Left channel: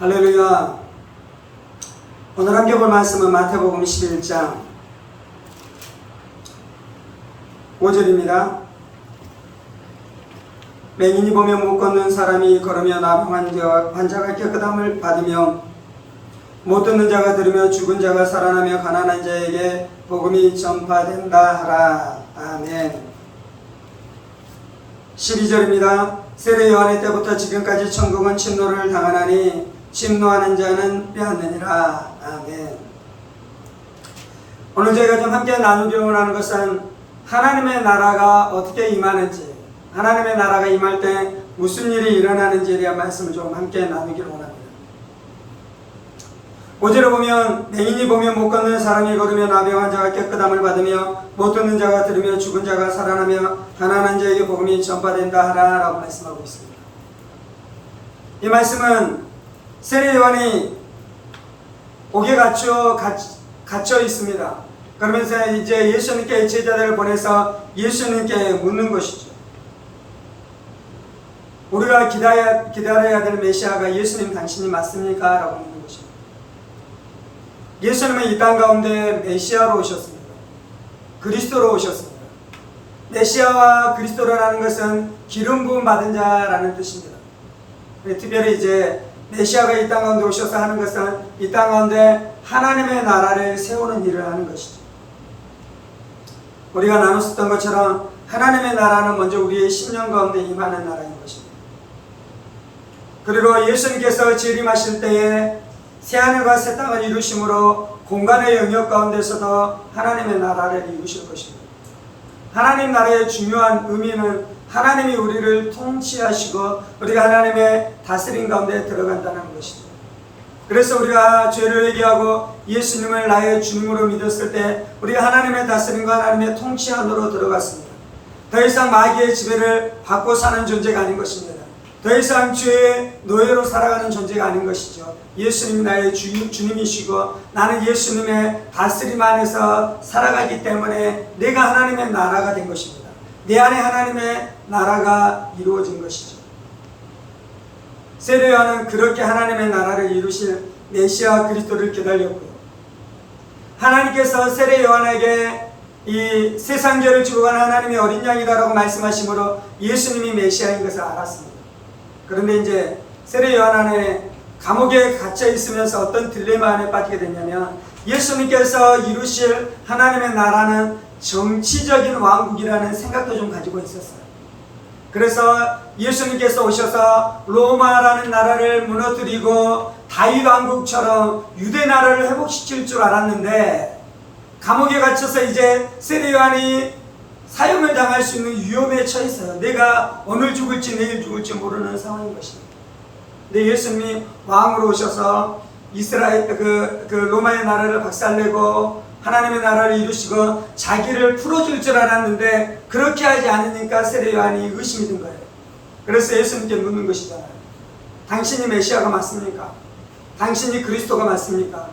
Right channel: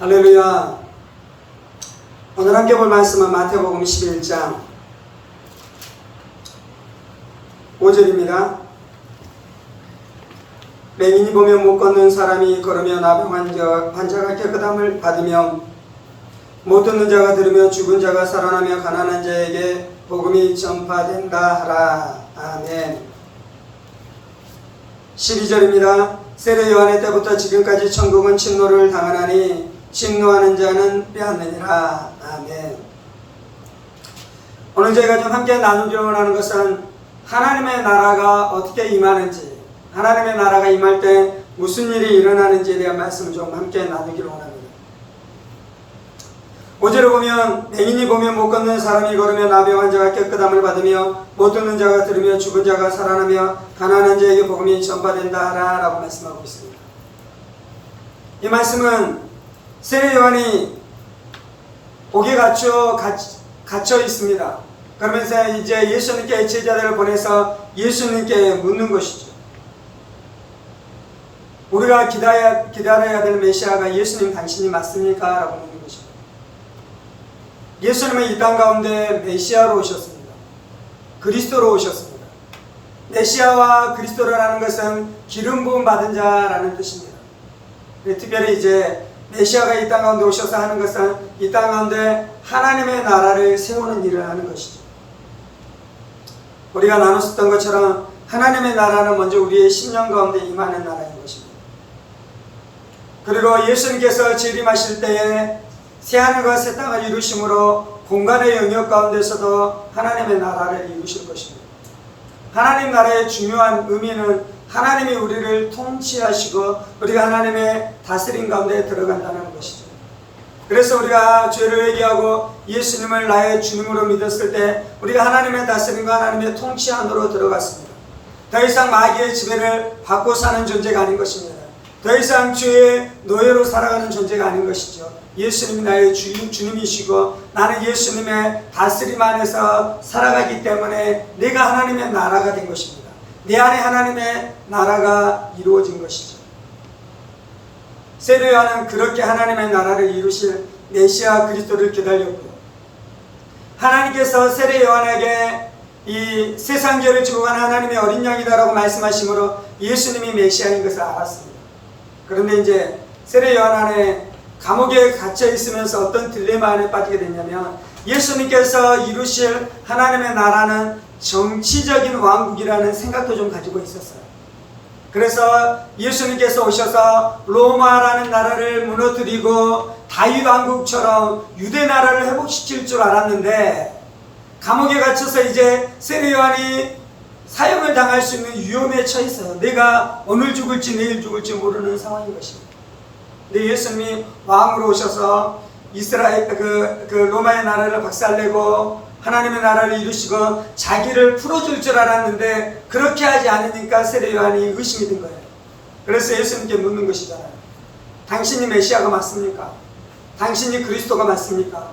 할렐루야. 오늘 함께 볼 말씀은 마태복음 11장 5절입니다. 맹인이 보며 못 걷는 사람이 걸으며 나병 환자가 깨끗함을 받으며 못 듣는 자가 들으며 죽은 자가 살아나며 가난한 자에게 복음이 전파된다 하라. 아멘. 12절입니다. 세례 요한의 때부터 지금까지 천국은 침노를 당하나니 침노하는 자는 빼앗느니라. 아멘. 오늘 저희가 좀 함께 나누려 하는 것은 하나님의 나라가 어떻게 임하는지, 하나님의 나라가 임할 때 무슨 일이 일어나는지에 대한 말씀을 좀 함께 나누기로 원합니다. 5절을 보면 맹인이 보며 못 걷는 사람이 걸으며 나병 환자가 깨끗함을 받으며 못 듣는 자가 들으며 죽은 자가 살아나며 가난한 자에게 복음이 전파된다 하라 라고 말씀하고 있습니다. 이 말씀은 세례 요한이 옥에 갇혀 있습니다. 그러면서 이제 예수님께 제자들을 보내서 예수님께 묻는 것이죠. 우리가 기다려야 될 메시아가 예수님 당신이 맞습니까? 라고 묻는 것입니다. 예수님은 이 땅 가운데 메시아로 오셨습니다. 그리스도로 오셨습니다. 메시아와 그리스도라는 것은 기름 부음 받은 자라는 뜻입니다. 특별히 이제 메시아가 이 땅 가운데 오셔서 하는 것은 이 땅 가운데 하나님의 나라를 세우는 일을 하는 것이죠. 우리가 나눴었던 것처럼 하나님의 나라는 먼저 우리의 심령 가운데 임하는 나라인 것입니다. 그리고 예수님께서 재림하실 때에 새하늘과 새 땅을 이루심으로 공간의 영역 가운데서도 하나님의 나라를 이루실 것입니다. 하나님 나라의 중요한 의미는 하나님이 우리를 통치하시고 우리가 하나님의 다스림 가운데 들어간다는 것이죠. 그래서 우리가 죄를 회개하고 예수님을 나의 주님으로 믿었을 때 우리가 하나님의 다스림과 하나님의 통치 안으로 들어갔습니다. 더 이상 마귀의 지배를 받고 사는 존재가 아닌 것입니다. 더 이상 죄의 노예로 살아가는 존재가 아닌 것이죠. 예수님이 나의 주님이시고 나는 예수님의 다스림 안에서 살아가기 때문에 내가 하나님의 나라가 된 것입니다. 내 안에 하나님의 나라가 이루어진 것이죠. 세례 요한은 그렇게 하나님의 나라를 이루실 메시아 그리스도를 기다렸고요. 하나님께서 세례 요한에게 이 세상 죄를 지고 가는 하나님의 어린 양이다라고 말씀하심으로 예수님이 메시아인 것을 알았습니다. 그런데 이제 세례 요한 안에 감옥에 갇혀 있으면서 어떤 딜레마 안에 빠지게 됐냐면 예수님께서 이루실 하나님의 나라는 정치적인 왕국이라는 생각도 좀 가지고 있었어요. 그래서 예수님께서 오셔서 로마라는 나라를 무너뜨리고 다윗 왕국처럼 유대 나라를 회복시킬 줄 알았는데 감옥에 갇혀서 이제 세례 요한이 사형을 당할 수 있는 위험에 처했어요. 내가 오늘 죽을지 내일 죽을지 모르는 상황인 것입니다. 근데 예수님이 왕으로 오셔서 이스라엘 그 로마의 나라를 박살내고 하나님의 나라를 이루시고 자기를 풀어줄 줄 알았는데 그렇게 하지 않으니까 세례 요한이 의심이 든 거예요. 그래서 예수님께 묻는 것이잖아요. 당신이 메시아가 맞습니까? 당신이 그리스도가 맞습니까?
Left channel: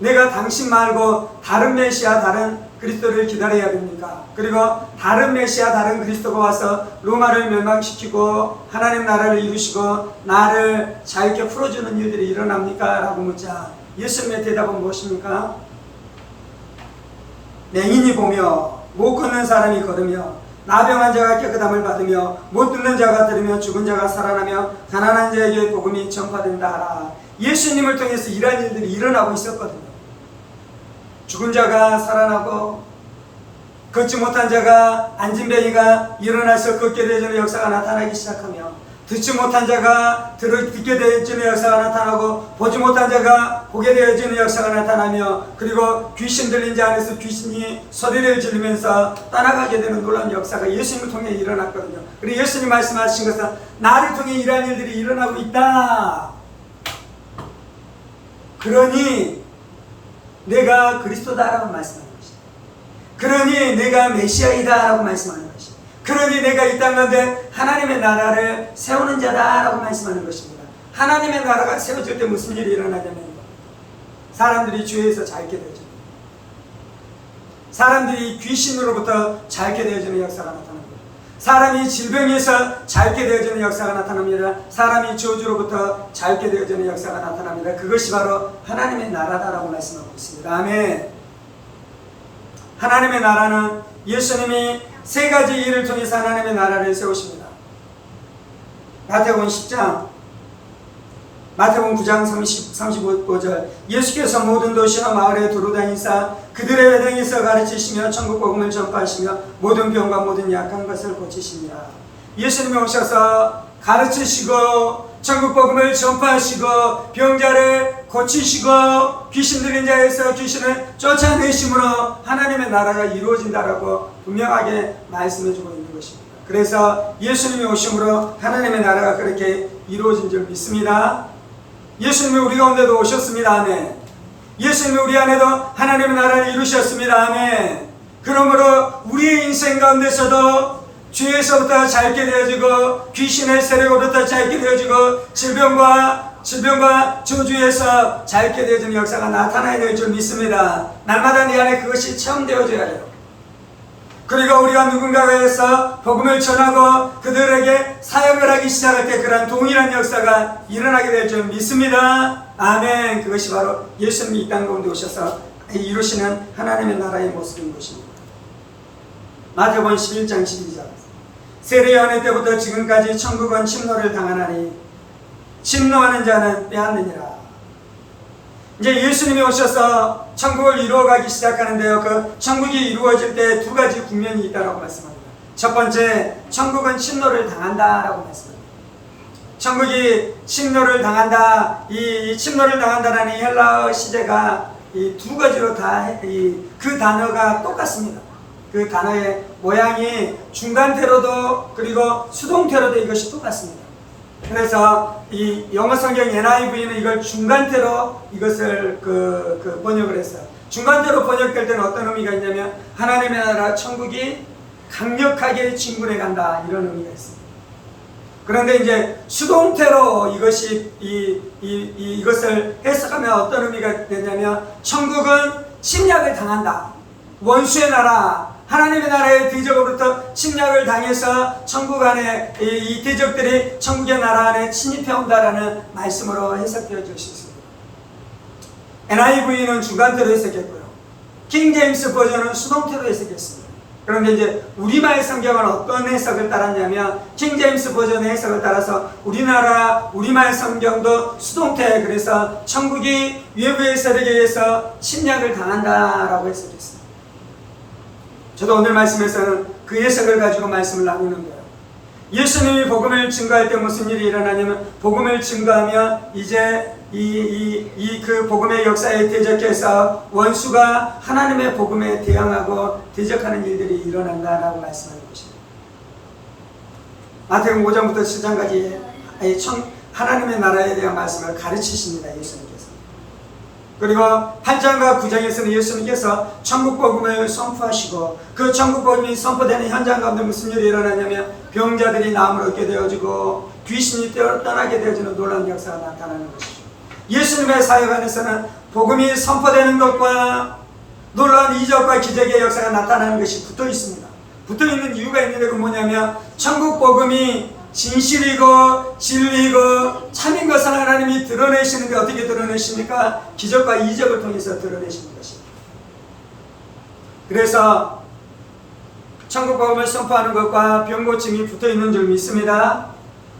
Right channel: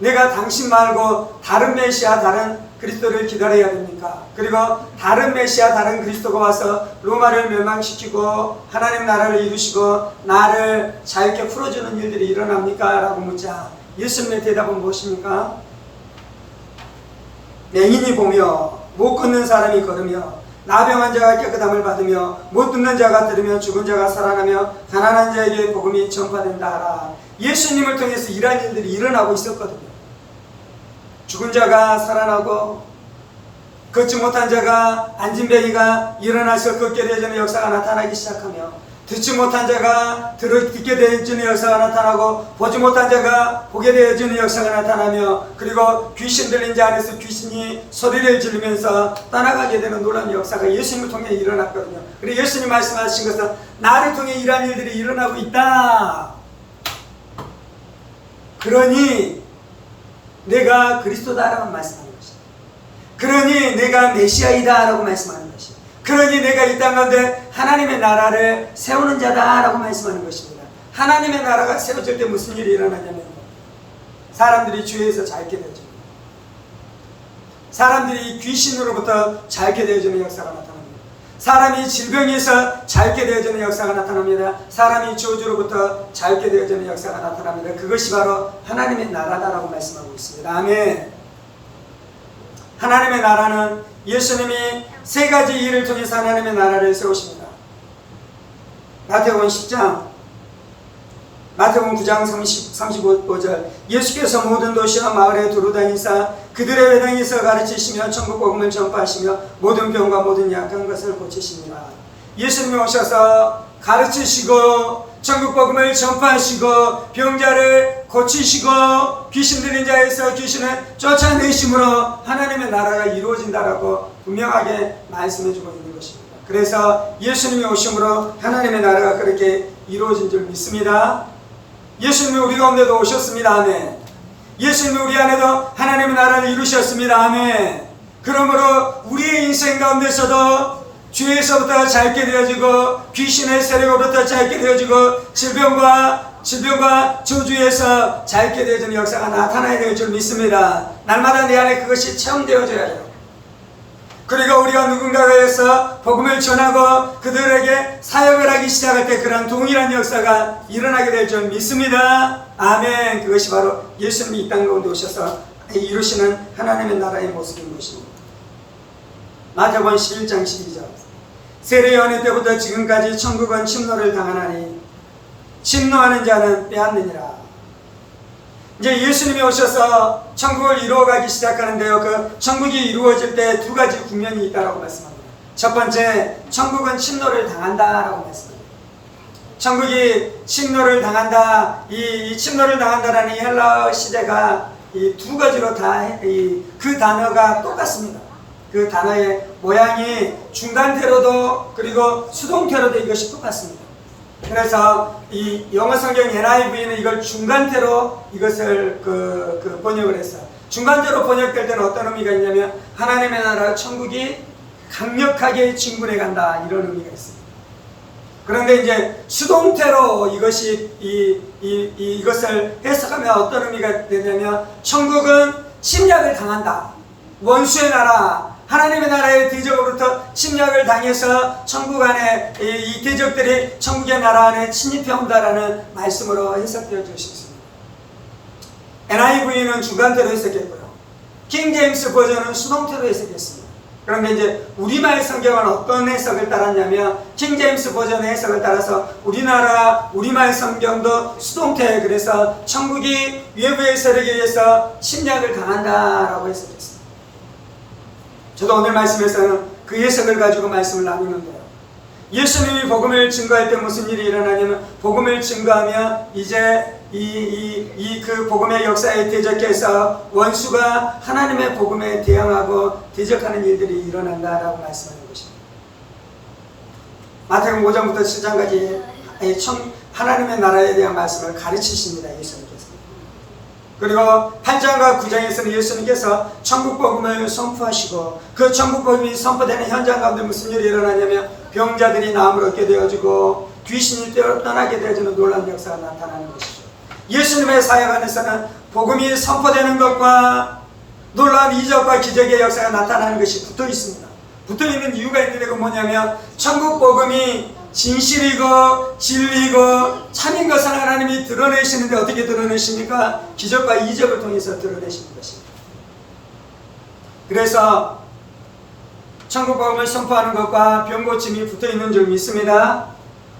내가 당신 말고 다른 메시아, 다른 그리스도를 기다려야 됩니까? 그리고 다른 메시아, 다른 그리스도가 와서 로마를 멸망시키고 하나님 나라를 이루시고 나를 자유롭게 풀어주는 일들이 일어납니까? 라고 묻자 예수님의 대답은 무엇입니까? 맹인이 보며 못 걷는 사람이 걸으며 나병 환자가 깨끗함을 받으며 못 듣는 자가 들으며 죽은 자가 살아나며 가난한 자에게 복음이 전파된다 하라. 예수님을 통해서 이러한 일들이 일어나고 있었거든요. 죽은 자가 살아나고 걷지 못한 자가 앉은뱅이가 일어나서 걷게 되어지는 역사가 나타나기 시작하며 듣지 못한 자가 듣게 되어지는 역사가 나타나고 보지 못한 자가 보게 되어지는 역사가 나타나며 그리고 귀신 들린 자 안에서 귀신이 소리를 지르면서 떠나가게 되는 놀라운 역사가 예수님을 통해 일어났거든요. 그리고 예수님 말씀하신 것은 나를 통해 이러한 일들이 일어나고 있다. 그러니 내가 그리스도다라고 말씀하는 것이다. 그러니 내가 메시아이다라고 말씀하는 것이다. 그러니 내가 이 땅 가운데 하나님의 나라를 세우는 자다라고 말씀하는 것입니다. 하나님의 나라가 세워질 때 무슨 일이 일어나냐면 사람들이 죄에서 자유케 되어집니다. 사람들이 귀신으로부터 자유케 되어지는 역사가 나타납니다. 사람이 질병에서 자유케 되어지는 역사가 나타납니다. 사람이 저주로부터 자유케 되어지는 역사가 나타납니다. 그것이 바로 하나님의 나라다라고 말씀하고 있습니다. 아멘. 하나님의 나라는 예수님이 세 가지 일을 통해서 하나님의 나라를 세우십니다. 마태복음 10장, 마태복음 9장 35절 예수께서 모든 도시와 마을에 두루다니사 그들의 회당에서 가르치시며 천국 복음을 전파하시며 모든 병과 모든 약한 것을 고치십니다. 예수님이 오셔서 가르치시고 천국 복음을 전파하시고 병자를 고치시고 귀신 들린 자에서 귀신을 쫓아내심으로 하나님의 나라가 이루어진다라고 분명하게 말씀해주고 있는 것입니다. 그래서 예수님이 오심으로 하나님의 나라가 그렇게 이루어진 줄 믿습니다. 예수님이 우리 가운데도 오셨습니다. 아멘. 예수님이 우리 안에도 하나님의 나라를 이루셨습니다. 아멘. 그러므로 우리의 인생 가운데서도 죄에서부터 자유케 되어지고 귀신의 세력으로부터 자유케 되어지고 질병과 저주에서 자유케 되어지는 역사가 나타나야 될 줄 믿습니다. 날마다 내 안에 그것이 체험되어져야 돼요. 그리고 우리가 누군가에 의해서 복음을 전하고 그들에게 사역을 하기 시작할 때 그러한 동일한 역사가 일어나게 될 줄 믿습니다. 아멘. 그것이 바로 예수님이 이 땅 가운데 오셔서 이루시는 하나님의 나라의 모습인 것입니다. 마태복음 11장 12절 세례 요한의 때부터 지금까지 천국은 침노를 당하나니 침노하는 자는 빼앗느니라. 이제 예수님이 오셔서 천국을 이루어가기 시작하는데요. 그 천국이 이루어질 때 두 가지 국면이 있다고 말씀합니다. 첫 번째, 천국은 침노를 당한다라고 말씀합니다. 천국이 침노를 당한다. 이 침노를 당한다라는 헬라어 시제가 이 두 가지로 다 그 단어가 똑같습니다. 그 단어의 모양이 중간태로도 그리고 수동태로도 이것이 똑같습니다. 그래서 이 영어 성경 NIV는 이걸 중간태로 이것을 번역을 했어요. 중간태로 번역될 때는 어떤 의미가 있냐면 하나님의 나라 천국이 강력하게 진군해 간다 이런 의미가 있습니다. 그런데 이제 수동태로 이것을 해석하면 어떤 의미가 되냐면 천국은 침략을 당한다. 원수의 나라 하나님의 나라의 대적으로부터 침략을 당해서 천국 안에 이 대적들이 천국의 나라 안에 침입해 온다라는 말씀으로 해석되어질 수 있습니다. NIV는 중간태로 해석했고요. 킹 제임스 버전은 수동태로 해석했습니다. 그런데 이제 우리말 성경은 어떤 해석을 따랐냐면 킹 제임스 버전의 해석을 따라서 우리말 성경도 수동태, 그래서 천국이 외부의 세력에 의해서 침략을 당한다라고 해석했습니다. 저도 오늘 말씀에서는 그 해석을 가지고 말씀을 나누는데요. 예수님이 복음을 증거할 때 무슨 일이 일어나냐면 복음을 증거하면 이제 그 복음의 역사에 대적해서 원수가 하나님의 복음에 대항하고 대적하는 일들이 일어난다라고 말씀하는 것입니다. 마태복음 5장부터 7장까지 하나님의 나라에 대한 말씀을 가르치십니다. 예수님께서. 그리고 8장과 9장에서는 예수님께서 천국 복음을 선포하시고 그 천국 복음이 선포되는 현장 가운데 무슨 일이 일어나냐면 병자들이 나음을 얻게 되어지고 귀신이 떠나게 되어지는 놀라운 역사가 나타나는 것이죠. 예수님의 사역 안에서는 복음이 선포되는 것과 놀라운 이적과 기적의 역사가 나타나는 것이 붙어 있습니다. 붙어 있는 이유가 있는데 그 뭐냐면 천국 복음이 진실이고 진리고 참인 것을 하나님이 드러내시는데 어떻게 드러내십니까? 기적과 이적을 통해서 드러내시는 것입니다. 그래서 천국 복음을 선포하는 것과 병고침이 붙어있는 줄 믿습니다.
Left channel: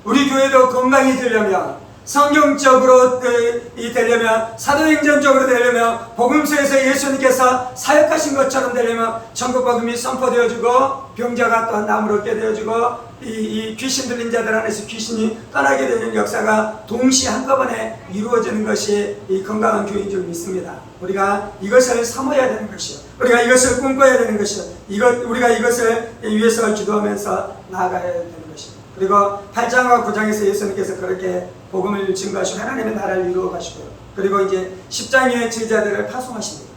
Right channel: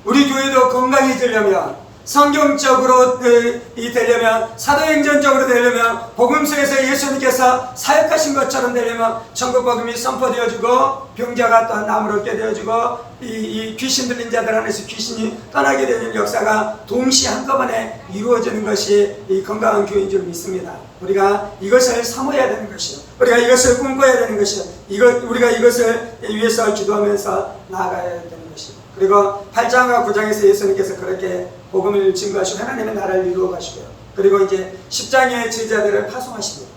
우리 교회도 건강해지려면 성경적으로 되려면 사도행전적으로 되려면 복음서에서 예수님께서 사역하신 것처럼 되려면 천국 복음이 선포되어지고 병자가 또한 나음을 얻게 되어지고 이 귀신 들린 자들 안에서 귀신이 떠나게 되는 역사가 동시에 한꺼번에 이루어지는 것이 이 건강한 교회인 줄 믿습니다. 우리가 이것을 사모해야 되는 것이, 우리가 이것을 꿈꿔야 되는 것이, 우리가 이것을 위해서 기도하면서 나아가야 되는 것입니다. 그리고 8장과 9장에서 예수님께서 그렇게 복음을 증거하시고 하나님의 나라를 이루어 가시고요. 그리고 이제 10장의 제자들을 파송하십니다.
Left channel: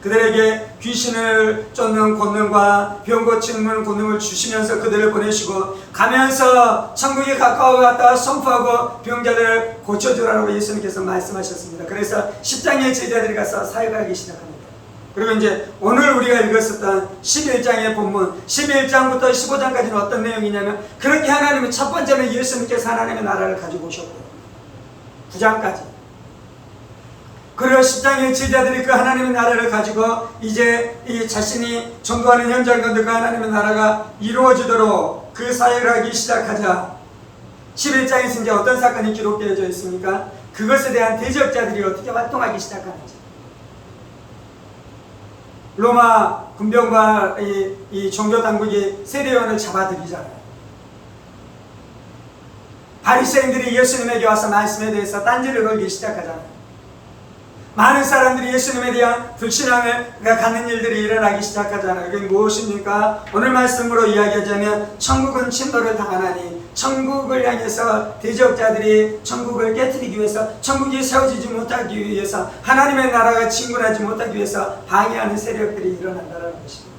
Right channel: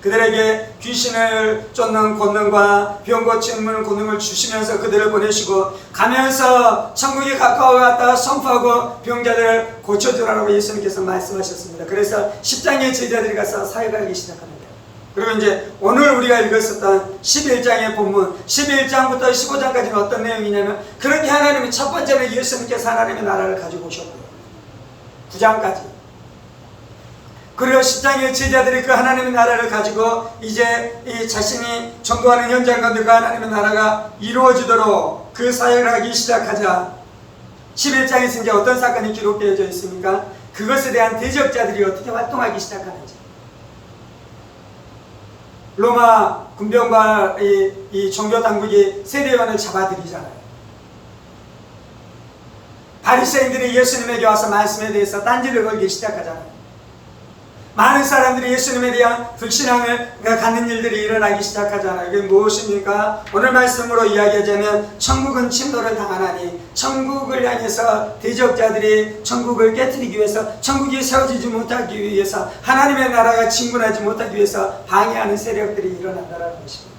그들에게 귀신을 쫓는 권능과 병 고치는 권능을 주시면서 그들을 보내시고 가면서 천국에 가까워갔다 선포하고 병자들을 고쳐주라고 예수님께서 말씀하셨습니다. 그래서 10장의 제자들이 가서 사역을 하기 시작합니다. 그리고 이제 오늘 우리가 읽었었던 11장의 본문 11장부터 15장까지는 어떤 내용이냐면 그렇게 하나님이 첫 번째는 예수님께서 하나님의 나라를 가지고 오셨고요. 9장까지. 그리고 10장의 제자들이 그 하나님의 나라를 가지고 이제 이 자신이 전도하는 현장 가운데 그 하나님의 나라가 이루어지도록 그 사역을 하기 시작하자 11장에서 이제 어떤 사건이 기록되어져 있습니까? 그것에 대한 대적자들이 어떻게 활동하기 시작하는지. 로마 군병과 이 종교 당국이 세례요한을 잡아들이잖아요. 바리새인들이 예수님에게 와서 말씀에 대해서 딴지를 걸기 시작하잖아요. 많은 사람들이 예수님에 대한 불신앙을 갖는 일들이 일어나기 시작하잖아요. 그게 무엇입니까? 오늘 말씀으로 이야기하자면 천국은 침노를 당하나니 천국을 향해서 대적자들이 천국을 깨뜨리기 위해서 천국이 세워지지 못하기 위해서 하나님의 나라가 진군하지 못하기 위해서 방해하는 세력들이 일어난다는 것입니다.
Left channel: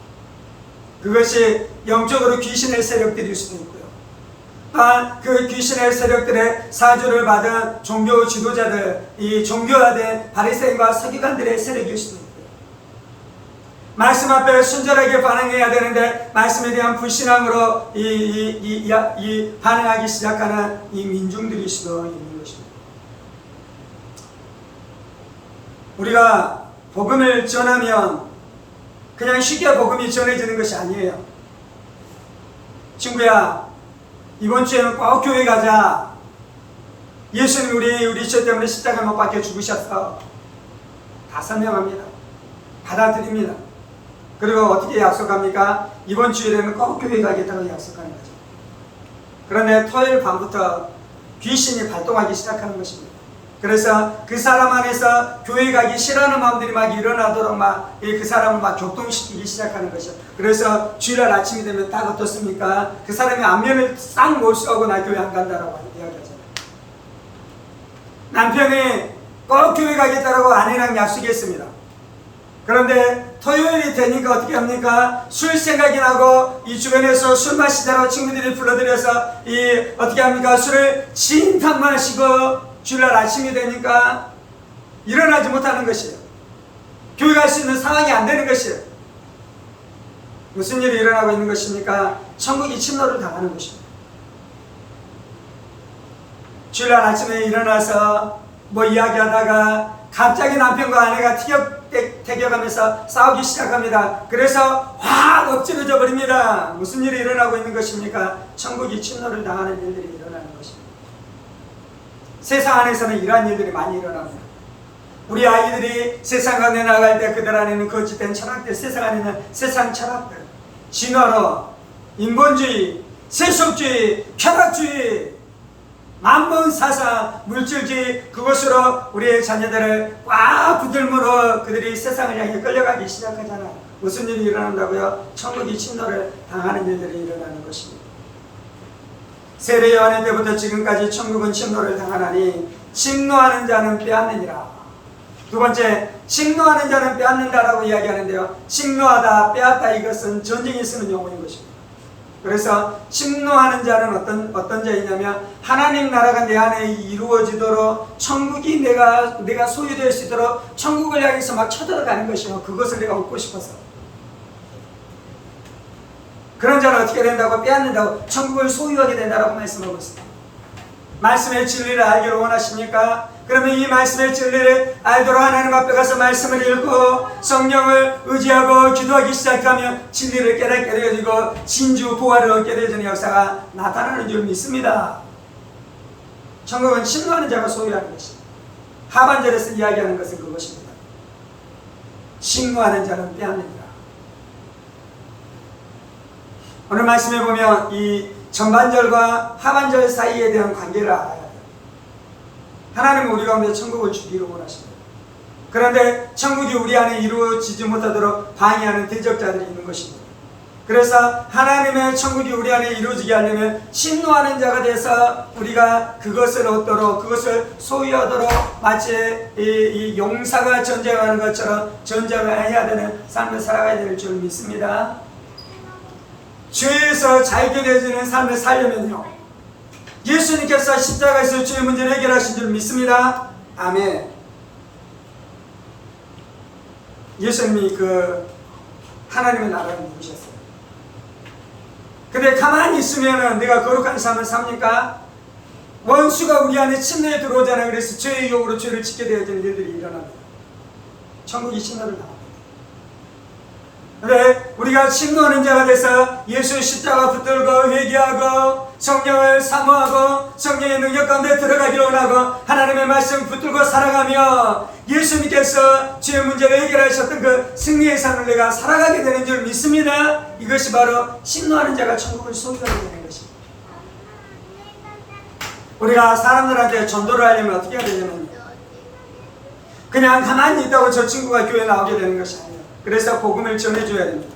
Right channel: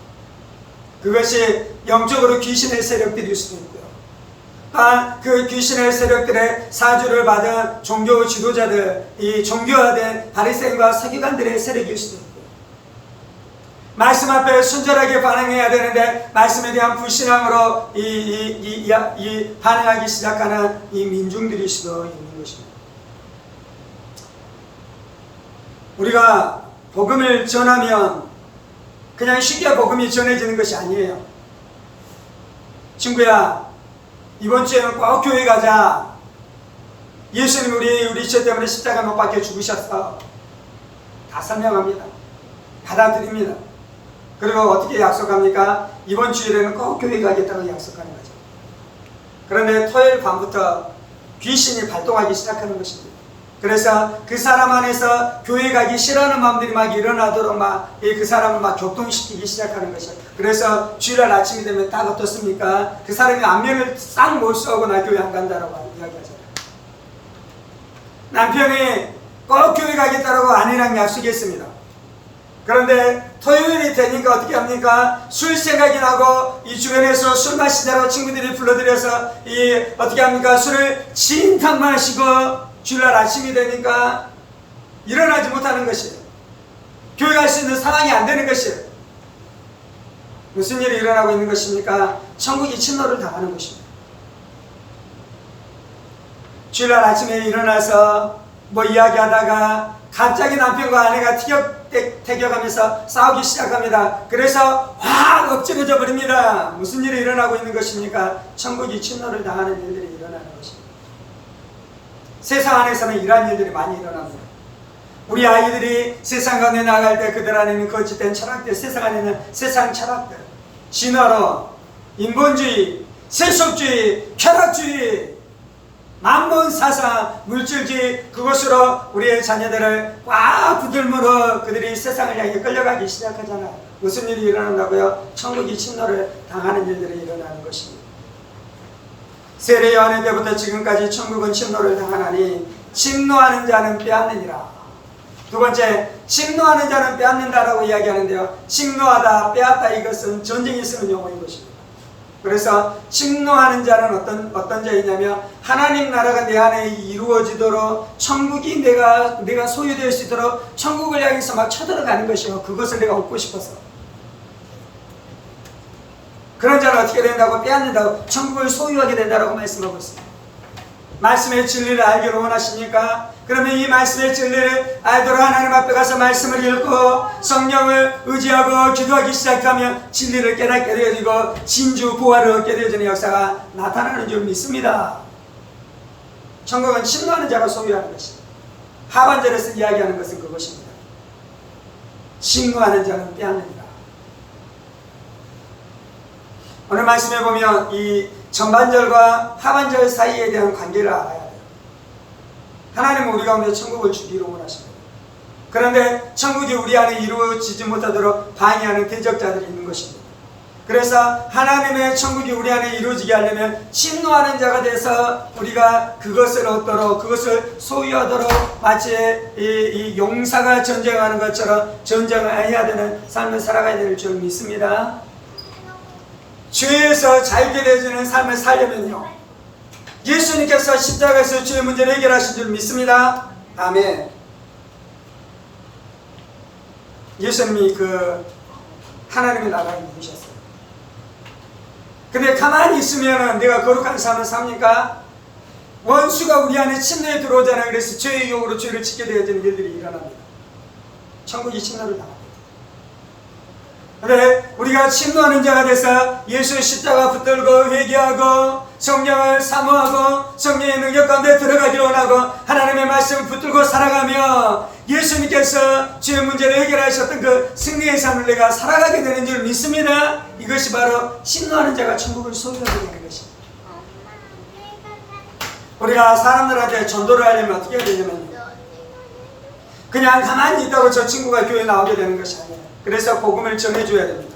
그것이 영적으로 귀신의 세력들일 수도 있고요. 그 귀신의 세력들의 사주를 받은 종교 지도자들, 이 종교화된 바리새인과 서기관들의 세력일 수도 있고, 말씀 앞에 순전하게 반응해야 되는데 말씀에 대한 불신앙으로 반응하기 시작하는 이 민중들일 수도 있는 것입니다. 우리가 복음을 전하면 그냥 쉽게 복음이 전해지는 것이 아니에요. 친구야, 이번 주에는 꼭 교회 가자. 예수님 우리 죄 때문에 십자가 못 박혀 죽으셨어. 다 설명합니다. 받아들입니다. 그리고 어떻게 약속합니까? 이번 주일에는 꼭 교회 가겠다고 약속하는 거죠. 그런데 토요일 밤부터 귀신이 발동하기 시작하는 것입니다. 그래서 그 사람 안에서 교회 가기 싫어하는 마음들이 막 일어나도록 막 그 사람을 막 격동시키기 시작하는 것이죠. 그래서 주일날 아침이 되면 딱 어떻습니까? 그 사람이 안면을 싹 못 쏘고 나 교회 안 간다라고 이야기하잖아요. 남편이 꼭 교회 가겠다라고 아내랑 약속했습니다. 그런데 토요일이 되니까 어떻게 합니까? 술 생각이 나고 이 주변에서 술 마시자라고 친구들이 불러들여서 어떻게 합니까? 술을 진탕 마시고 주일날 아침이 되니까 일어나지 못하는 것이에요. 교회 갈 수 있는 상황이 안 되는 것이에요. 무슨 일이 일어나고 있는 것입니까? 천국이 침노를 당하는 것입니다. 주일날 아침에 일어나서 뭐 이야기하다가 갑자기 남편과 아내가 티격태격하면서 싸우기 시작합니다. 그래서 확 엎질러져 버립니다. 무슨 일이 일어나고 있는 것입니까? 천국이 침노를 당하는 일들이 일어나는 것입니다. 세상 안에서는 이러한 일들이 많이 일어납니다. 우리 아이들이 세상 가운데 나갈 때 그들 안에는 거짓된 철학들, 세상 안에는 세상 철학들, 진화론, 인본주의, 세속주의, 쾌락주의, 만몬 사상, 물질주의, 그것으로 우리의 자녀들을 꽉 붙들므로 그들이 세상을 향해 끌려가기 시작하잖아요. 무슨 일이 일어난다고요? 천국이 침노를 당하는 일들이 일어나는 것입니다. 세례 요한의 때부터 지금까지 천국은 침노를 당하나니 침노하는 자는 빼앗느니라. 두 번째, 침노하는 자는 빼앗는다라고 이야기하는데요. 침노하다, 빼앗다, 이것은 전쟁에 쓰는 용어인 것입니다. 그래서 침노하는 자는 어떤 자이냐면 하나님 나라가 내 안에 이루어지도록 천국이 내가 소유될 수 있도록 천국을 향해서 막 쳐들어가는 것이요. 그것을 내가 얻고 싶어서. 그런 자는 어떻게 된다고? 빼앗는다고, 천국을 소유하게 된다고 말씀하고 있습니다. 말씀의 진리를 알기를 원하십니까? 그러면 이 말씀의 진리를 알도록 하나님 앞에 가서 말씀을 읽고 성령을 의지하고 기도하기 시작하면 진리를 깨닫게 되어지고 진주 부활을 얻게 되어지는 역사가 나타나는 줄 믿습니다. 천국은 침노하는 자가 소유하는 것입니다. 하반절에서 이야기하는 것은 그것입니다. 침노하는 자는 빼앗느니라. 오늘 말씀에 보면 이 전반절과 하반절 사이에 대한 관계를 알아야 돼요. 하나님은 우리 가운데 천국을 주기를 원하십니다. 그런데 천국이 우리 안에 이루어지지 못하도록 방해하는 대적자들이 있는 것입니다. 그래서 하나님의 천국이 우리 안에 이루어지게 하려면 침노하는 자가 돼서 우리가 그것을 얻도록, 그것을 소유하도록 마치 이 용사가 전쟁하는 것처럼 전쟁을 해야 되는 삶을 살아가야 될 줄 믿습니다. 죄에서 자유케 되어지는 삶을 살려면요, 예수님께서 십자가에서 죄의 문제를 해결하신 줄 믿습니다. 아멘. 예수님이 그 하나님의 나라를 누구셨어요? 근데 가만히 있으면은 내가 거룩한 삶을 삽니까? 원수가 우리 안에 침례에 들어오잖아요. 그래서 죄의 유혹으로 죄를 짓게 되어지는 일들이 일어납니다. 천국이 침노를 당합니다. 근데 우리가 침노하는 자가 돼서 예수의 십자가 붙들고 회개하고 성령을 사모하고 성령의 능력 가운데 들어가기를 원하고 하나님의 말씀을 붙들고 살아가며 예수님께서 죄의 문제를 해결하셨던 그 승리의 삶을 내가 살아가게 되는 줄 믿습니다. 이것이 바로 침노하는 자가 천국을 소유하게 되는 것입니다. 우리가 사람들한테 전도를 하려면 어떻게 해야 되냐면요, 그냥 가만히 있다고 저 친구가 교회에 나오게 되는 것이 아니에요. 그래서 복음을 전해줘야 됩니다.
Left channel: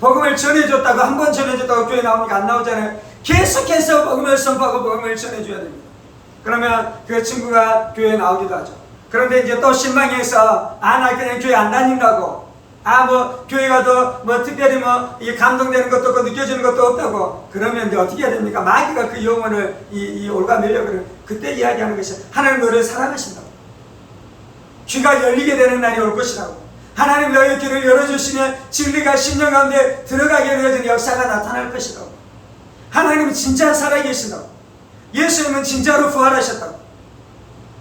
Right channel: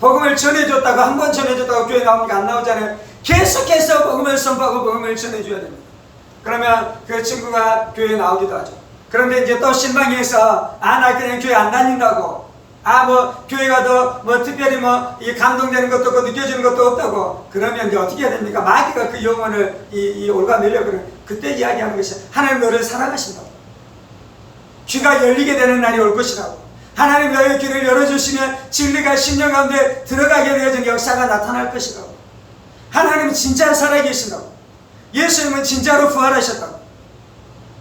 복음을 전해줬다고 한 번 전해줬다고 교회 나오니까 안 나오잖아요. 계속해서 복음을 선포하고 복음을 전해줘야 됩니다. 그러면 그 친구가 교회에 나오기도 하죠. 그런데 이제 또 실망해서 나 그냥 교회 안 다닌다고, 교회가 더 특별히 이 감동되는 것도 없고 느껴지는 것도 없다고 그러면 이제 어떻게 해야 됩니까? 마귀가 그 영혼을 올가매려고 그때 이야기하는 것이 하나님 너를 사랑하신다고, 귀가 열리게 되는 날이 올 것이라고, 하나님 너의 귀를 열어주시면 진리가 심령 가운데 들어가게 되어지는 역사가 나타날 것이라고, 하나님은 진짜 살아계신다고, 예수님은 진짜로 부활하셨다고,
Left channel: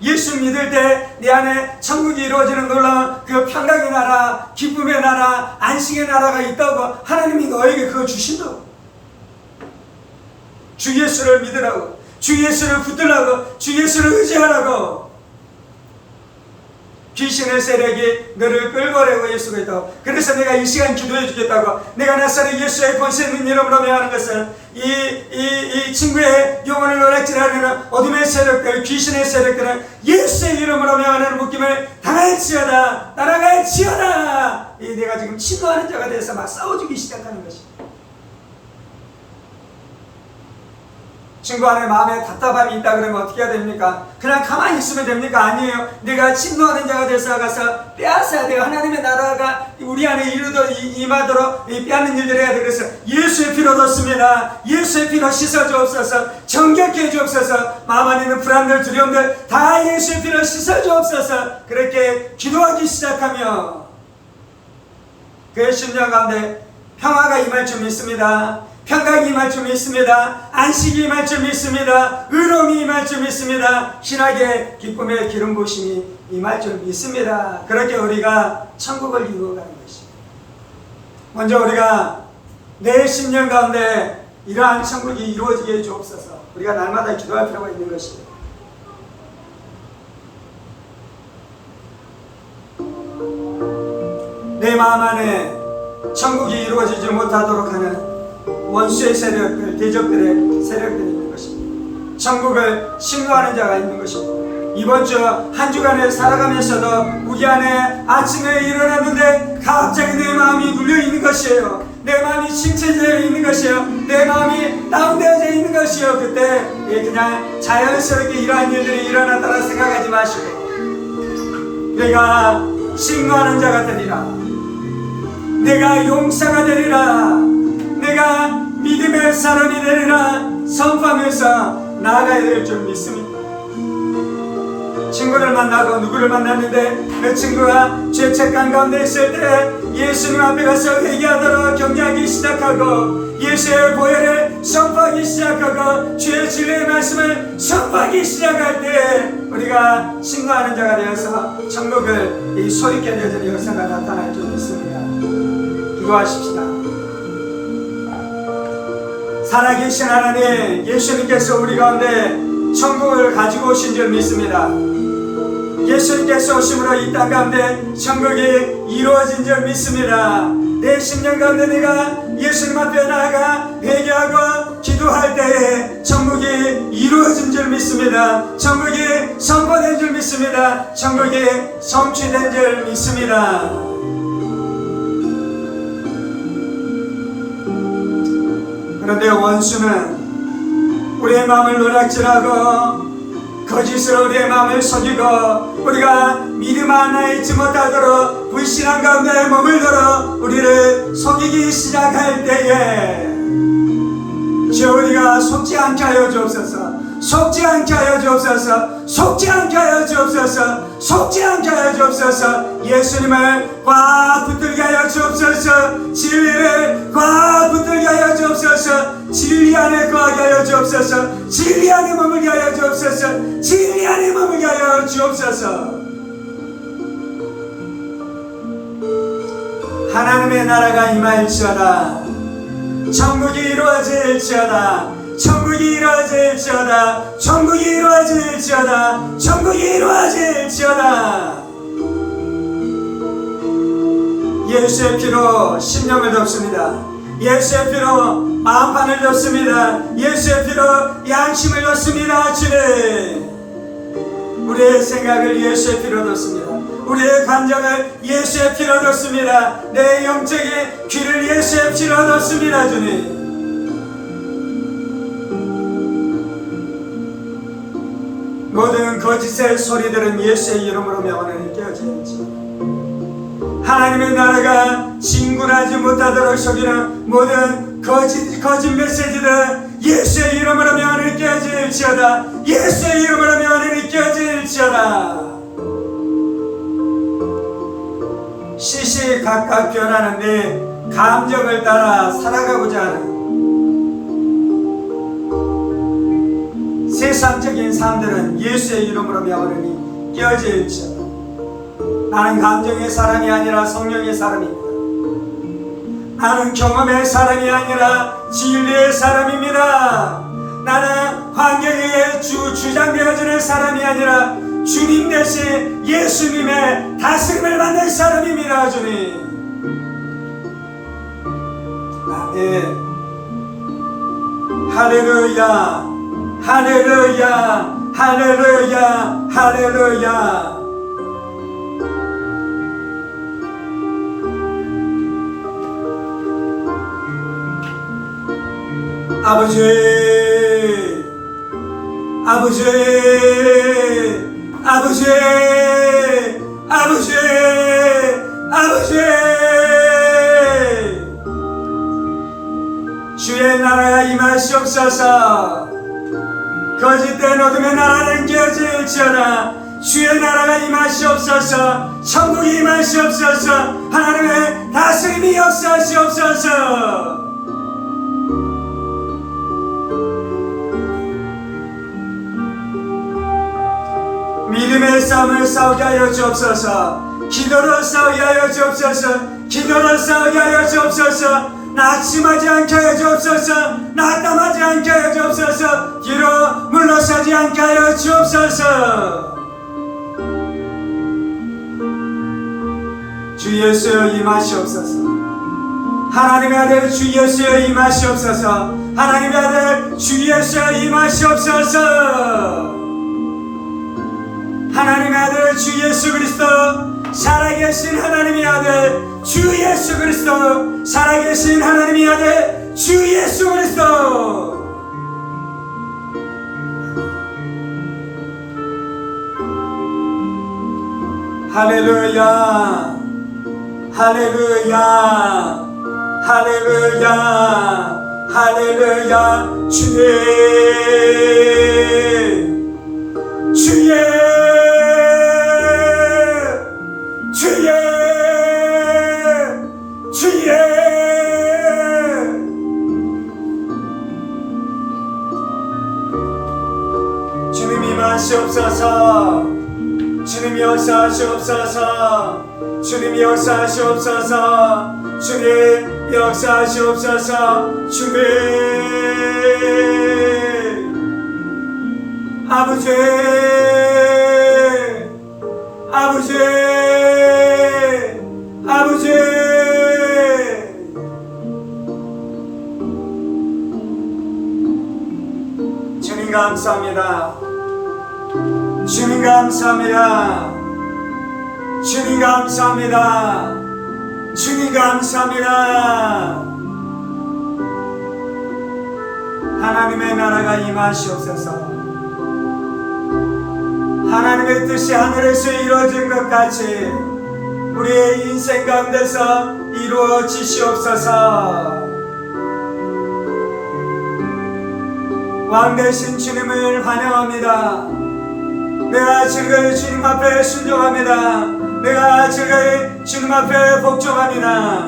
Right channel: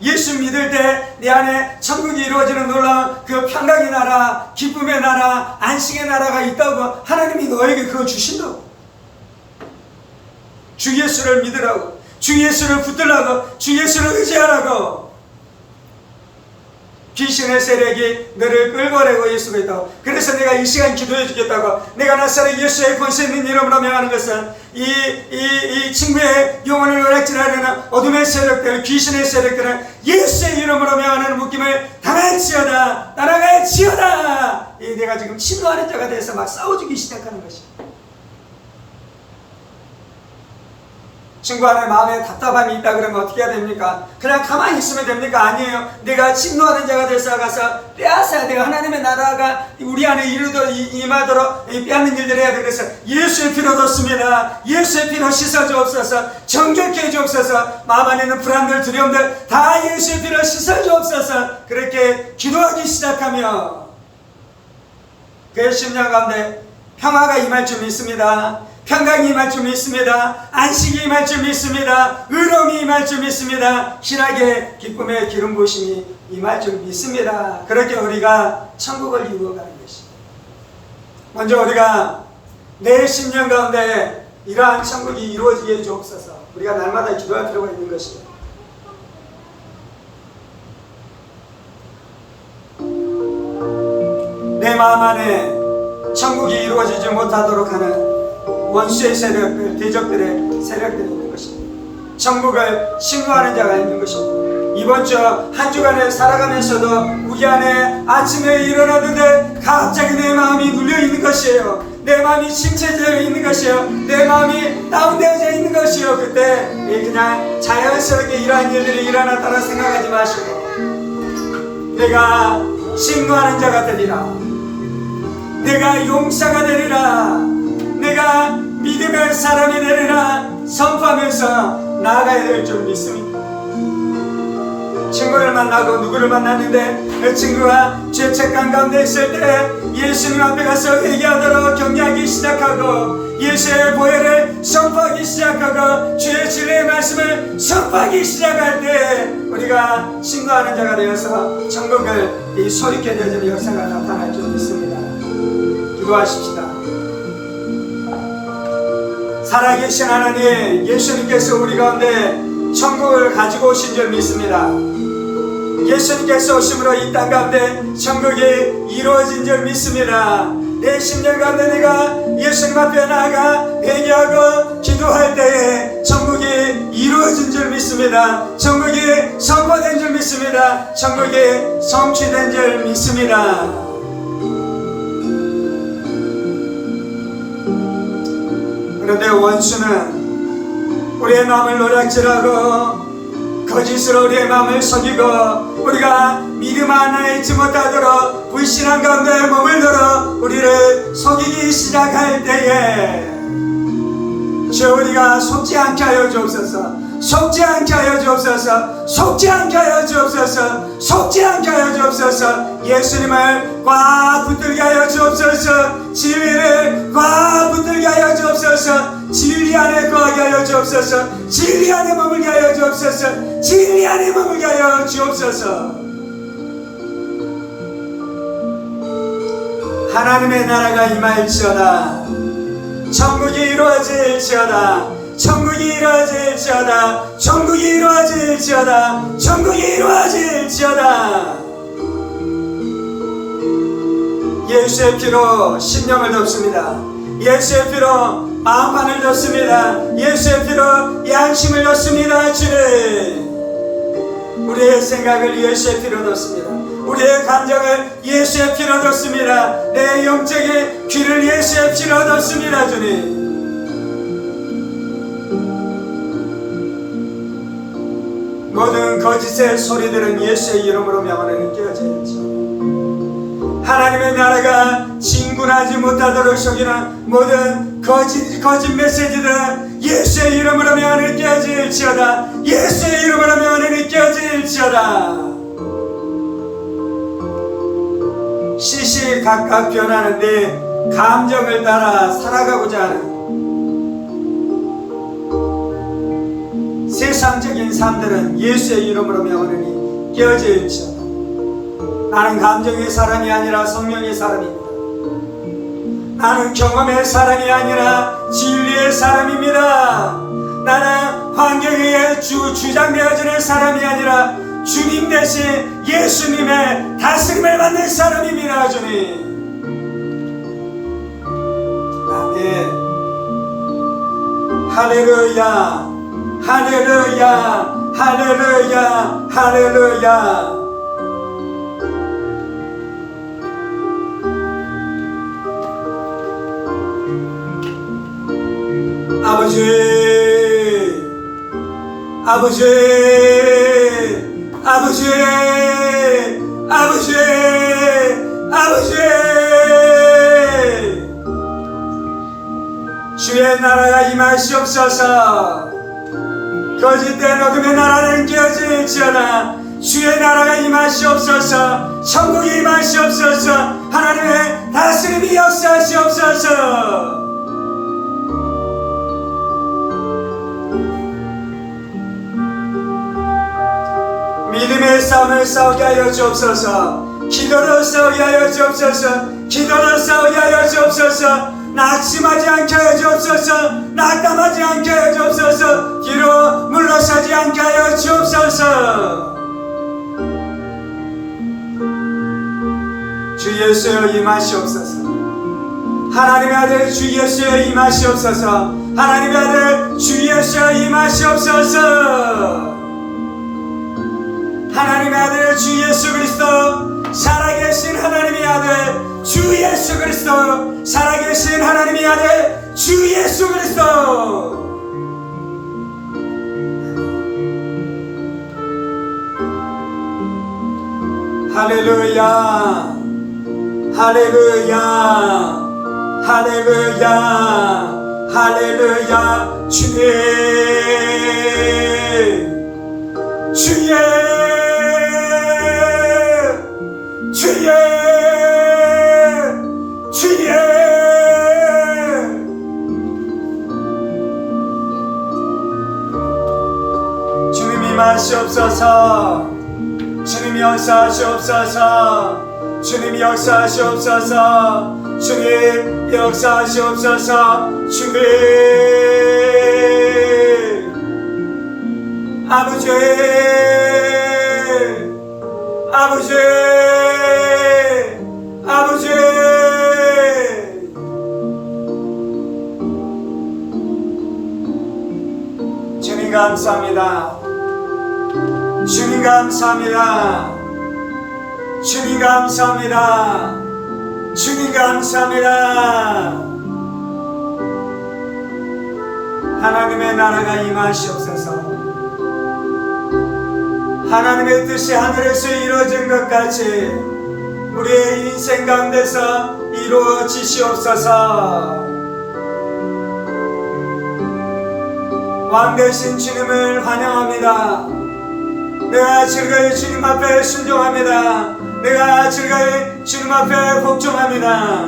예수 믿을 때 내 안에 천국이 이루어지는 놀라운 그 평강의 나라, 기쁨의 나라, 안식의 나라가 있다고 하나님이 너에게 그걸 주신다고. 주 예수를 믿으라고, 주 예수를 붙들라고, 주 예수를 의지하라고. 귀신의 세력이 너를 끌고내고 예수가 있다고. 그래서 내가 이 시간 기도해 주겠다고. 내가 나사렛 예수의 권세 있는 이름으로 명하는 것은 이 친구의 영혼을 노략질하려는 어둠의 세력들, 귀신의 세력들은 예수의 이름으로 명하는 묶임을 당할지어다, 따라갈지어다. 내가 지금 침노하는 자가 돼서 막 싸워주기 시작하는 것입니다. 친구 안에 마음에 답답함이 있다 그러면 어떻게 해야 됩니까? 그냥 가만히 있으면 됩니까? 아니에요. 내가 침노하는 자가 돼서 가서 빼앗아야 돼요. 하나님의 나라가 우리 안에 임하도록 빼앗는 일들을 해야 돼요. 그래서 예수의 피로 뒀습니다. 예수의 피로 씻어 주옵소서. 정결케 해 주옵소서. 마음 안에 있는 불안들, 두려움들 다 예수의 피로 씻어 주옵소서. 그렇게 기도하기 시작하며 그의 심령 가운데 평화가 임할 줄 믿습니다. 평강이 임할 줄 믿습니다. 안식이 임할 줄 믿습니다. 의로움이 임할 줄 믿습니다. 희락의 기쁨의 기름 부으심이 임할 줄 믿습니다. 그렇게 우리가 천국을 이루어가는 것입니다. 먼저 우리가 내 심령 가운데 이러한 천국이 이루어지게 해주옵소서. 우리가 날마다 기도할 필요가 있는 것입니다. 내 마음 안에 천국이 이루어지지 못하도록 하는 원수의 세력들, 대적들의 세력들이 있는 것입니다. 천국을 신고하는 자가 있는 것입니다. 이번 주 한 주간을 살아가면서도 우리 안에 아침에 일어났는데 갑자기 내 마음이 눌려 있는 것이에요. 내 마음이 침체되어 있는 것이에요. 내 마음이 다운되어져 있는 것이에요. 그때 그냥 자연스럽게 이러한 일들이 일어났다라 생각하지 마시고, 내가 신고하는 자가 되리라, 내가 용사가 되리라, 내가 믿음의 사람이 되리라 선포하면서 나아가야 될 줄 믿습니다. 친구를 만나고 누구를 만났는데 그 친구가 죄책감 가운데 있을 때 예수님 앞에 가서 회개하도록 격려하기 시작하고 예수의 보혈을 선포하기 시작하고 주의 진리의 말씀을 선포하기 시작할 때 우리가 신고하는 자가 되어서 천국을 소리케 되어지는 역사가 나타날 줄 믿습니다. 기도하십시다. 살아계신 하나님, 예수님께서 우리 가운데 천국을 가지고 오신 줄 믿습니다. 예수님께서 오심으로 이 땅 가운데 천국이 이루어진 줄 믿습니다. 내 심령 가운데 내가 예수님 앞에 나아가 회개하고 기도할 때에 천국이 이루어진 줄 믿습니다. 천국이 선포된 줄 믿습니다. 천국이 성취된 줄 믿습니다. 그런데 원수는 우리의 마음을 노략질하고 거짓으로 우리의 마음을 속이고 우리가 믿음 안에 있지 못하도록 불신한 가운데 머물도록 우리를 속이기 시작할 때에 주 우리가 속지 않게 하여 주옵소서. 속지 않게 하여 주옵소서. 속지 않게 하여 주옵소서. 속지 않게 하여 주옵소서. 주옵소서. 예수님을 꽉 붙들게 하여 주옵소서. 진리를 꽉 붙들게 하여 주옵소서. 진리 안에 거하게 하여 주옵소서. 진리 안에 머물게 하여 주옵소서. 진리 안에 머물게 하여 주옵소서. 하나님의 나라가 임할지어다. 천국이 이루어질지어다. 천국이 이루어질지어다. 천국이 이루어질지어다. 천국이 이루어질지어다. 예수의 피로 심령을 덮습니다. 예수의 피로 마음판을 덮습니다. 예수의 피로 양심을 덮습니다. 주님, 우리의 생각을 예수의 피로 덮습니다. 우리의 감정을 예수의 피로 덮습니다. 내 영적인 귀를 예수의 피로 덮습니다. 주님, 모든 거짓의 소리들은 예수의 이름으로 명하는 깨어질지. 하나님의 나라가 진군하지 못하도록 속이는 모든 거짓 메시지들은 예수의 이름으로 명하는 깨어질지어다. 예수의 이름으로 명하는 깨어질지어다. 시시각각 변하는데 감정을 따라 살아가고자 하는 세상적인 삶들은 예수의 이름으로 명하니 깨어질지어다. 나는 감정의 사람이 아니라 성령의 사람입니다. 나는 경험의 사람이 아니라 진리의 사람입니다. 나는 환경에 주장되어지는 사람이 아니라 주님 대신 예수님의 다스림을 받는 사람입니다. 주님, 아멘. 할렐루야, 할렐루야, 할렐루야, 할렐루야. 아버지, 아버지, 아버지, 아버지, 아버지, 주의 나라가 임하시옵소서. 거짓된 어둠의 나라는 깨어질지어다. 주의 나라가 임하시옵소서. 천국이 임하시옵소서. 하나님의 다스림이 역사하시옵소서. 믿음의 싸움을 싸우게 하여 주옵소서. 기도로 싸우게 하여 주옵소서. 기도로 싸우게 하여 주옵소서. 낙심하지 않게 하여 주옵소서. 낙담하지 않게 하여 주옵소서. 뒤로 물러서지 않게 하여 주옵소서. 주 예수여 임하시옵소서. 하나님의 아들 주 예수여 임하시옵소서. 하나님의 아들 주 예수여 임하시옵소서. 하나님의 아들 주 예수 그리스도, 살아계신 하나님의 아들 주 예수 그리스도, 살아계신 하나님의 아들 주 예수 그리스도. 할렐루야, 할렐루야, 할렐루야, 할렐루야. 주의 주님 임하시옵소서. 주님 역사하시옵소서. 주님 역사하시옵소서. 주님 역사하시옵소서. 주님, 아버지, 아버지, 아버지. 주님 감사합니다. 주님 감사합니다. 주님 감사합니다. 주님 감사합니다. 하나님의 나라가 임하시옵소서. 하나님의 뜻이 하늘에서 이루어진 것 같이 우리의 인생 가운데서 이루어지시옵소서. 왕 되신 주님을 환영합니다. 내가 즐거이 주님 앞에 순종합니다. 내가 즐거이 주님 앞에 복종합니다.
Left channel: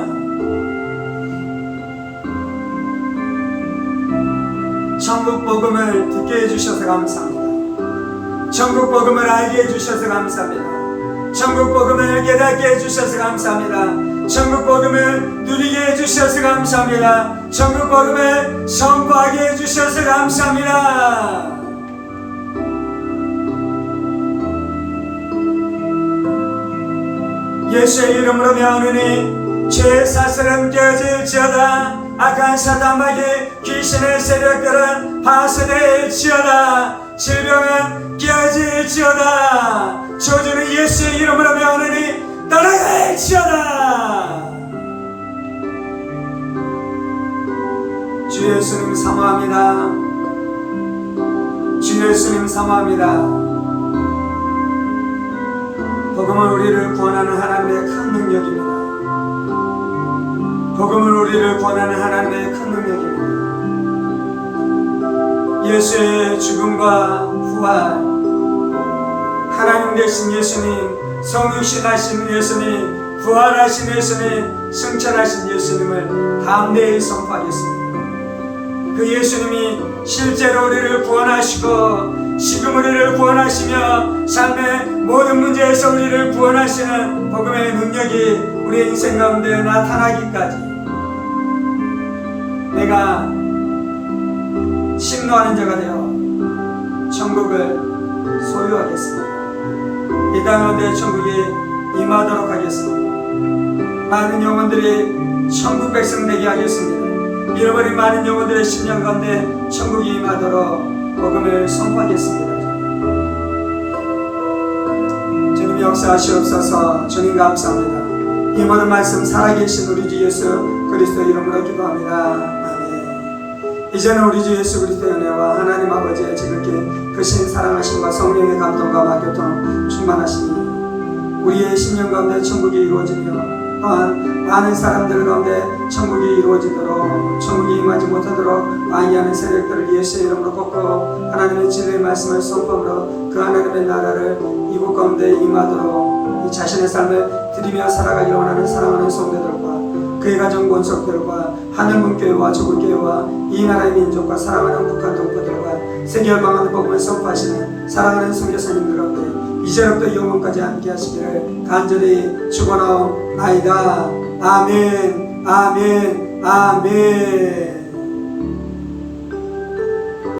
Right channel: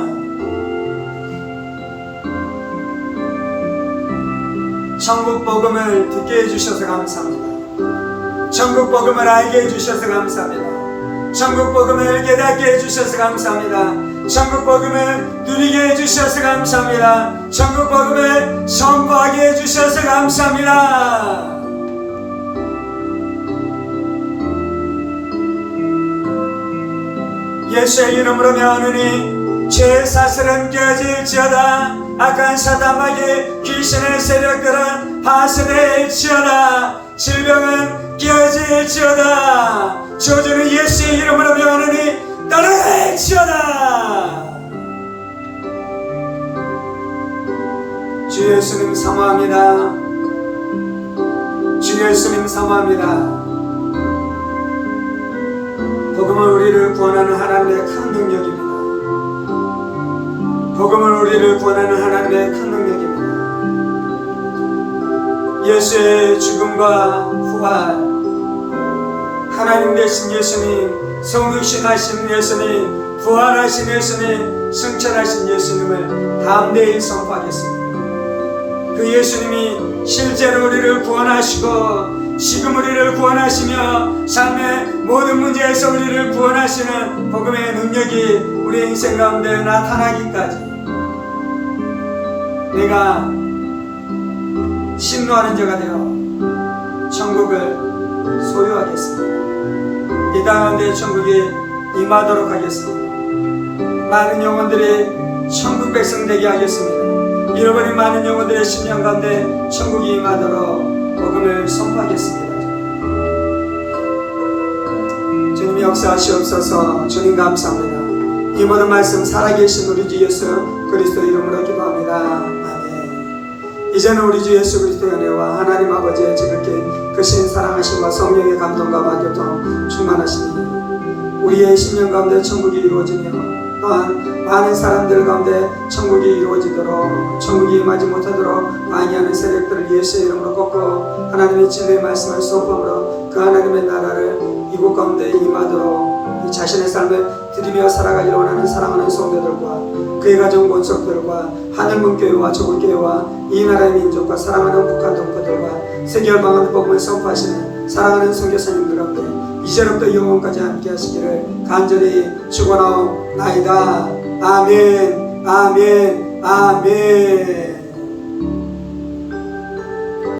천국 복음을 듣게 해주셔서 감사합니다. 천국 복음을 알게 해주셔서 감사합니다. 천국 복음을 깨닫게 해주셔서 감사합니다. 천국 복음을 누리게 해주셔서 감사합니다. 천국 복음을 선포하게 해주셔서 감사합니다. 예수의 이름으로 명하노니 죄의 사슬은 깨어질지어다. 악한 사단마귀 귀신의 세력들은 파쇄될지어다. 질병은 깨어질지어다. 저주는 예수의 이름으로 명하노니 떠나갈지어다. 주 예수님 사모합니다. 주 예수님 사모합니다. 복음은 우리를 구원하는 하나님의 큰 능력입니다. 복음은 우리를 구원하는 하나님의 큰 능력입니다. 예수의 죽음과 부활, 하나님 되신 예수님, 성육신하신 예수님, 부활하신 예수님, 승천하신 예수님을 담대히 선포하겠습니다. 그 예수님이 실제로 우리를 구원하시고 지금 우리를 구원하시며 삶의 모든 문제에서 우리를 구원하시는 복음의 능력이 우리 인생 가운데 나타나기까지 내가 신노하는 자가 되어 천국을 소유하겠습니다. 이 땅 가운데 천국이 임하도록 하겠습니다. 많은 영혼들이 천국 백성 되게 하겠습니다. 잃어버린 많은 영혼들의 심령 가운데 천국이 임하도록 복음을 선포하겠습니다. 주님 역사하시옵소서. 주님 감사합니다. 이 모든 말씀 살아계신 우리 주 예수 그리스도 이름으로 기도합니다. 아멘. 이제는 우리 주 예수 그리스도의 은혜와 하나님 아버지의 지극히 크신 사랑하심과 성령의 감동과 마교통 충만하시니 우리의 심령 가운데 천국이 이루어지며 또한 많은 사람들 가운데 천국이 이루어지도록 천국이 임하지 못하도록 방해하는 세력들을 예수의 이름으로 꺾고 하나님의 진리의 말씀을 선포함으로 그 하나님의 나라를 이곳 가운데 임하도록 이 자신의 삶을 드리며 살아가기를 원하는 사랑하는 성도들과 그의 가정 권속들과 하늘문교회와 조국교회와 이 나라의 민족과 사랑하는 북한 동포들과 세계 열방하는 복음을 선포하시는 사랑하는 선교사님들 가운데 이제로부터 영원까지 함께 하시기를 간절히 축원하옵나이다. 아멘, 아멘, 아멘.